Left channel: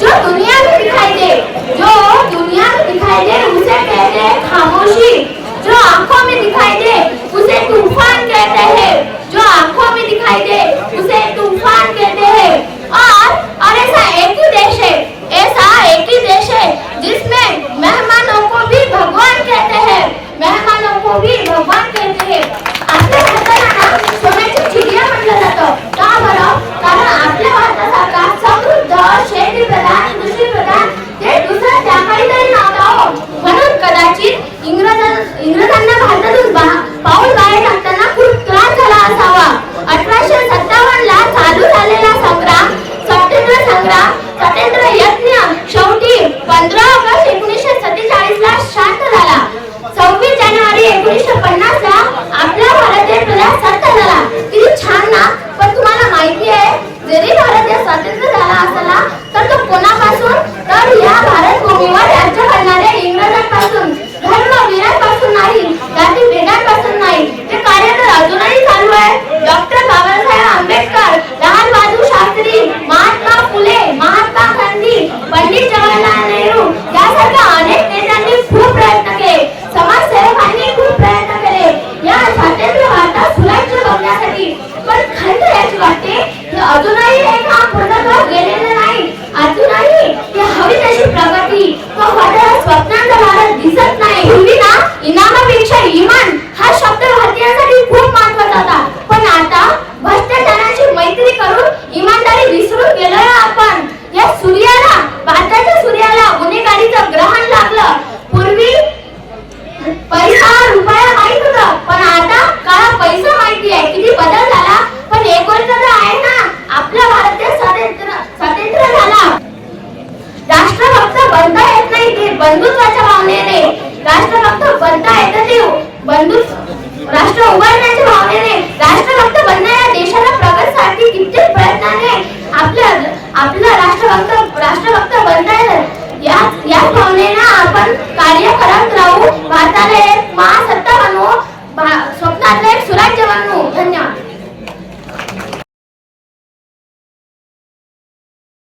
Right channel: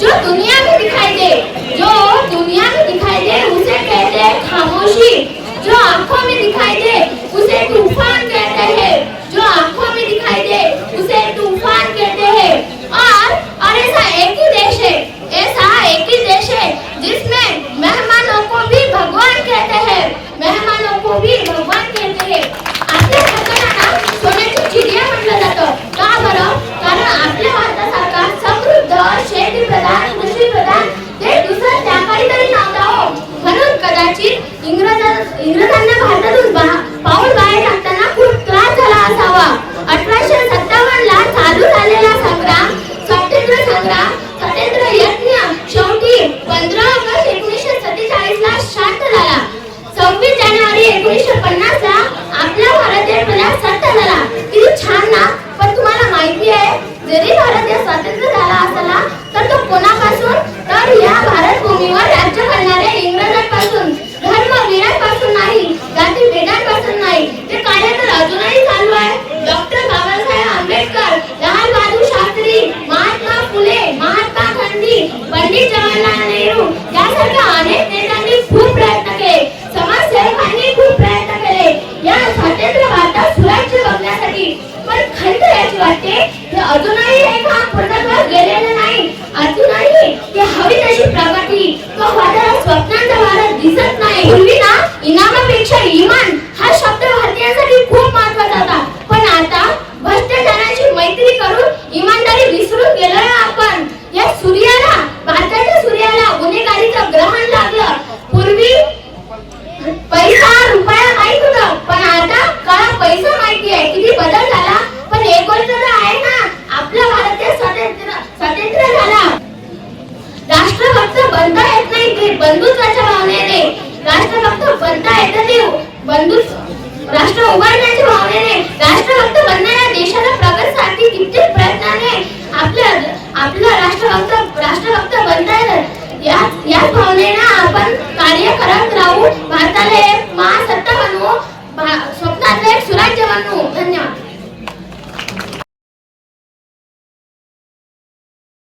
जो दुनिया में दिखाई दे जो दुनिया दिखाई दे उसे कहते हैं खामोशी जो में दिखाई दे उसे तूफ़ान कहते हैं जो में दिखाई दे, उसे इंग्रजांना भारतातून पाऊल बाहेर टाकताना खूप त्रास झाला असावा. अठराशे सत्तावन्न ला चालू झालेला संग्राम स्वातंत्र्य संग्राम स्वातंत्र्य यज्ञ शेवटी पंधरा ऑगस्ट एकोणीसशे सत्तेचाळीस ला शांत झाला. सव्वीस जानेवारी एकोणीसशे पन्नास ला आपला भारत देश सत्ता झाला. किती छान ना? पण तुम्हाला माहिती आहे जरी भारतीय स्वातंत्र्य झाला असला तर तो कोणापासून असे अजूनही बनता येत नाही ते बंधुत्वाच्या भावनेने. राष्ट्र फक्त बनता येत नाही. बंधू राष्ट्र उभारण्याच्या भावनेने. राष्ट्र फक्त बनण्याला देशाला प्रगतसाठी कित्येक प्रयत्नाने आपल्या आपलं राष्ट्र फक्त राष्ट्र फक्त बनता येत या याच भावनेने आपण कार्य करत राहू. भारताला एक महासत्ता बनवू. स्वप्नातलं एक सुराज्य बनवू.